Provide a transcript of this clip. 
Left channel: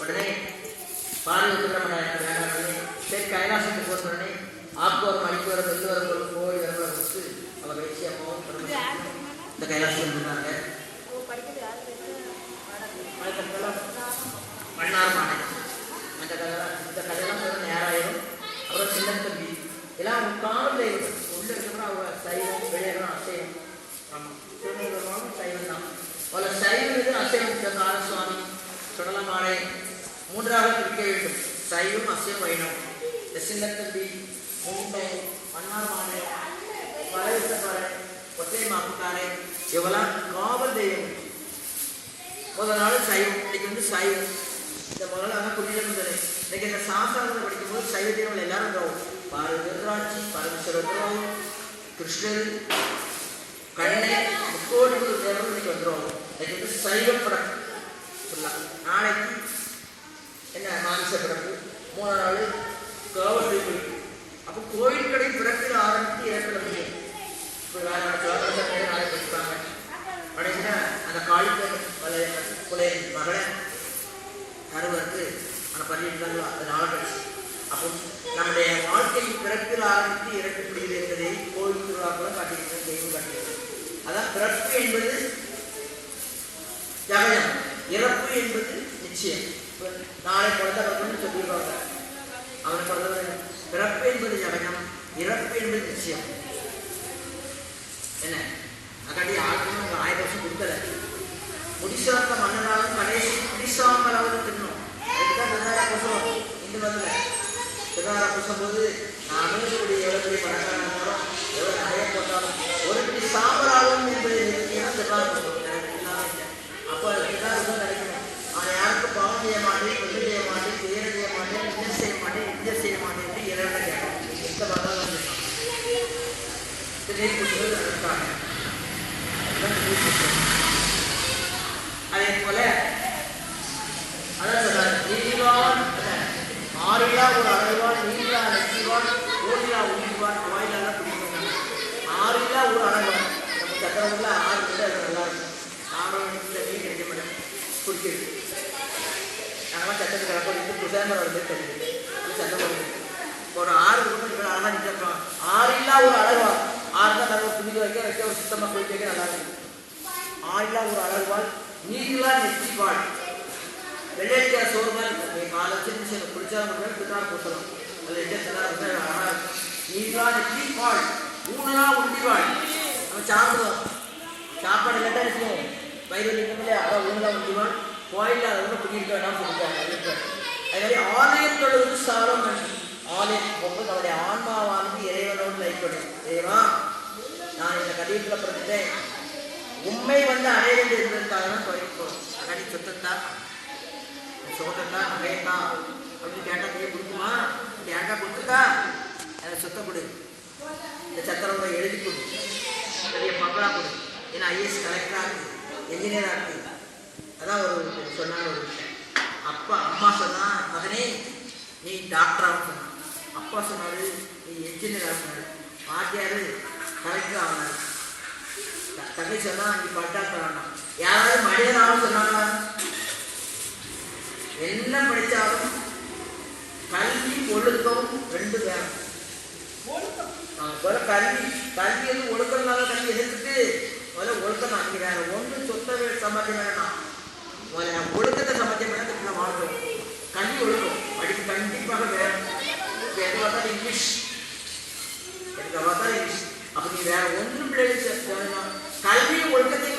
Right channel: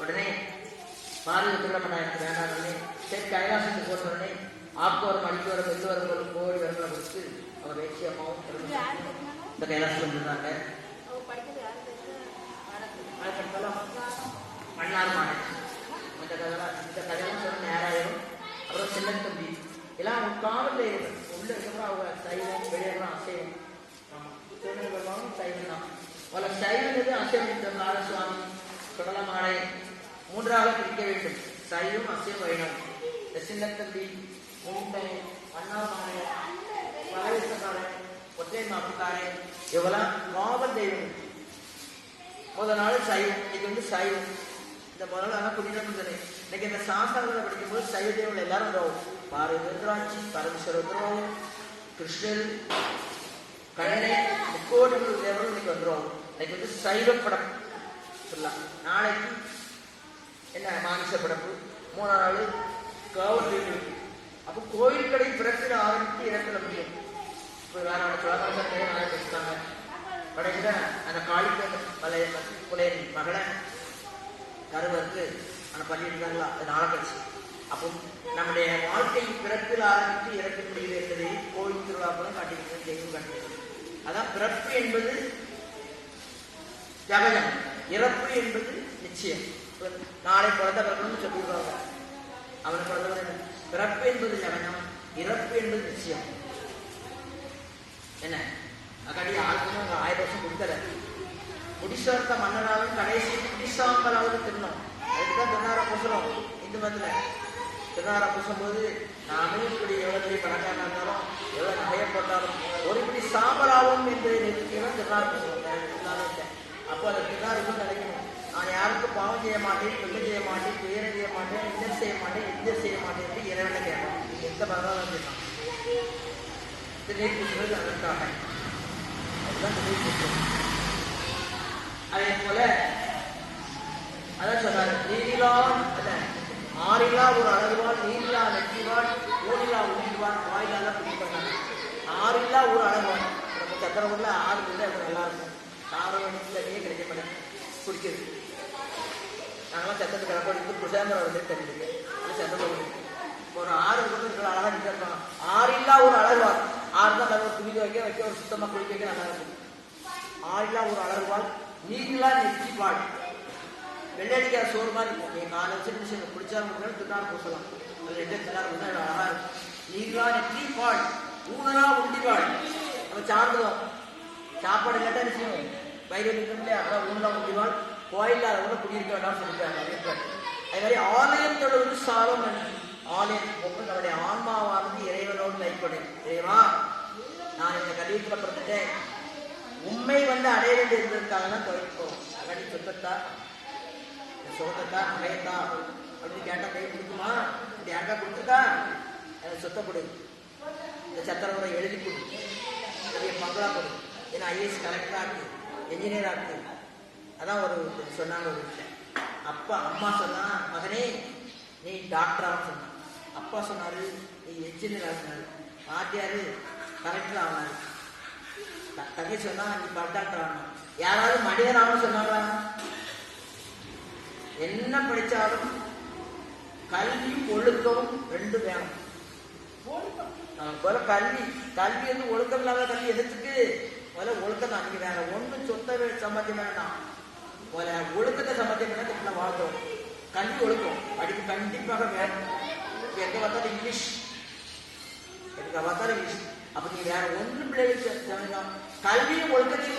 உடனே பாரி ஒத்துக்கிற வேண்டாம். சரி கைலாசத்துக்கு போன உடனே ஆக்குவரம் அடிக்குவரம் வெள்ளுவரம் கோழி வரங்களை கொடுத்து அவர் வச்சு அம்மாவும் இந்த கைலாசம் இருந்தாங்க. மன்னார் மாநிலம் அந்த கதையெல்லாம் இந்த கதையெல்லாம் சொல்ல நேராயிரும். அப்புறம் சின்ன தம்பி எல்லாம் காவல் தெய்வங்கள் உள்ள இருக்கிற அவங்க சைவம் வெளியெல்லாம் அசைவம். ஆமாம், திருநெல்வேலியும் சைவம் தான். அவளை சைவம் இது அசைவம் காலசுவாமி சுடலமாலை மூன்றாக பிரிக்க வேண்டும். சைவம் அசைவம் வைணவம். இந்த சின்ன தம்பி மும்பை மன்னார் மாநிலம் வளவிசக்காரை ஒற்றை மாப்புக்காரை இவெல்லாம் காவல் தெய்வம். முதல் நாள் சைவம், இன்னைக்கு சைவம். இந்த முதல்ல நாங்கள் புரிஞ்சுட்டு இன்னைக்கு இந்த சாஸ்திரத்தை படிக்கும்போது சைவ தெய்வங்கள் எல்லாரும் வந்துடும். பாரதிராட்சி பரமேஸ்வரர் வந்துடும், கிருஷ்ணர் கண்ணே முக்கோடி தேவர்கள் இன்னைக்கு வந்துடும். இன்னைக்கு சைவ படப்பு சொல்லலாம். நாளைக்கு என்ன மாமிச படப்பு, 3ஆம் நாள் காவல் தெய்வம். அப்போ கோவில் கடை பிறப்பில் ஆரம்பித்து இறப்பில் முடியும். இப்போ நாளைக்கு படிப்பாங்க. படைக்கிற அந்த காளிக்க குலையின் மகளை கருவருக்கு அந்த பண்ணியிருந்தாங்களோ அது நாளை கழிச்சு. அப்போ நம்முடைய வாழ்க்கை பிறப்பில் ஆரம்பித்து இறக்கப்படுகிறது என்பதை கோவில் திருவிழா கூட காட்டியிருக்கிறது, தெய்வம் காட்டியிருக்கிறது. அதான் பிறப்பு என்பது ஜகஜம், இறப்பு என்பது நிச்சயம். நாளை குழந்தை பிறக்கணும்னு சொல்லிடுவாங்க. அவனுக்கு குழந்தை பிறப்பு என்பது ஜகஜம், இறப்பு என்பது நிச்சயம். என்ன அக்காடி ஆளுக்குன்னு 1000 வருஷம் கொடுக்கல. முடிசார்த்த மன்னனாலும் கடைசி முடிசாம்பலாவது தின்னும். அதுக்குதான் திருநாரா பூசம். இந்து மதத்தில் திருநாரா பூசும் போது நாமே இப்படி எவ்வளோ பெரிய பணக்காரனாக இருந்தாலும் எவ்வளோ நகையை போட்டாலும் ஒரு பிடி சாம்பலாகும் என்பதை நிறுத்தினா திருநாரா பூசம் எல்லாமே இல்லை. அப்போ அது திருநாரா நினைக்கணும். நான் யாருக்கும் பாவம் செய்ய மாட்டேன், கொண்டு செய்ய மாட்டேன், துயரம் செய்ய மாட்டேன், இந்த செய்ய மாட்டேன், இந்த செய்ய மாட்டேன் என்று இறைவனை கேட்கணும். நீங்கள் எந்த பகவான் சொல்லணும் திரை பூசுறது அதற்காக. அதே போல அதான் சொல்றாரு, நீதிவான் ஆறிலா ஒரு அழகுவான், நீதிலா நெற்றிவான், ஓடிலா உயிர்வான், வாயிலாக பிடிப்பாங்க. ஆறிலா ஒரு அழகுவான். நம்ம சக்கரவுல 6 பேர் அது நல்லா இருக்கும். 6 மணிக்குள்ளே கிடைக்க மாட்டேன் குடிக்கிறது. நாங்களாம் சட்டத்துக்கு கிடப்போம். புசாமரம் வந்து தெரியுது சட்டம் ஒரு 6 கூட அழகாக நிற்கிறாங்க. ஆறிலா ஒரு அழகுவான். 6 தான் நல்லா துணிந்து வைக்க ஒரு சுத்தமாக குளிக்க வைக்க நல்லா இருக்கும். ஆறிலா ஒரு அழகுவாள், நீங்களா நெற்றிவாள். வெள்ளைக்கிற சோறு மாதிரி இருக்கும். என் 4 லட்சம் குடிச்சா மட்டும் திருநாள் பூசலாம். அதில் எங்கே திருநாள் அழகாக இருக்கும். நீங்களா நெற்றிவாள், ஊனலா உண்டிவாள். நம்ம சாப்பிடுவோம், சாப்பாடு கேட்டால் இருக்கும் வயிறு இருக்கல. அதான் ஊனலா உண்டிவாள். கோயிலில் அதை கூட குடியிருக்க வேண்டாம்னு சொல்லியிருக்காங்க. அது மாதிரி ஆலயத்தொழுது சாலமன். ஆலயம் போது அவருடைய ஆன்மாவானது இறைவனோடு லைப்படும். தேவா, நான் இந்த கடிதத்தில் பிறந்துட்டேன், உண்மை அடைய வேண்டும் என்பதற்காக தான் குறைப்போம். அகடி சொத்தத்தா சோகத்தா நகையத்தா அப்படின்னு கேட்டால் கை கொடுக்குமா? அப்படி யாருக்கா கொடுத்துட்டா எனக்கு சொத்தை கொடு, இந்த சத்திரவோட எழுதி கொடு, பெரிய பங்களா கொடு, ஏன்னா ஐஏஎஸ் கலெக்டராக இருக்குது, என்ஜினியராக இருக்குது. அதான் ஒரு சொன்னாங்க ஒரு விஷயம். அப்பா அம்மா சொன்னா மகனே நீ டாக்டராக சொன்னான். அப்பா சொன்னார் நீ என்ஜினியராக சொன்னார். பாட்டியார் கலெக்டர் ஆகினார். தங்கை சொன்னா நீ டாக்டர் ஆகணும். யாராவது மனிதனாலும் சொன்னாரா? என்ன படித்தாலும் கல்வி ஒழுக்கம் 2 வேணும். கல்வி கல்வி வந்து ஒழுக்கம் இல்லாத கல்வி எதிர்த்துட்டு முதல்ல ஒழுக்கம் ஆகிறாங்க. ஒன்று சொத்தை சம்பாத்தியம் வேணாம், முதல்ல ஒழுக்கத்தை சம்பாத்தியம் வேணா இப்படி வாழ்றோம். கல்வி ஒழுக்கம் படிப்பு கண்டிப்பாக வேணும். இப்போ எங்கே பார்த்தாலும் இங்கிலீஷ், எனக்கு பார்த்தாலும் இங்கிலீஷ். அப்போ நீ வேற ஒன்றும் பிள்ளைகள் கல்வியும் ஒழுக்கத்தையும்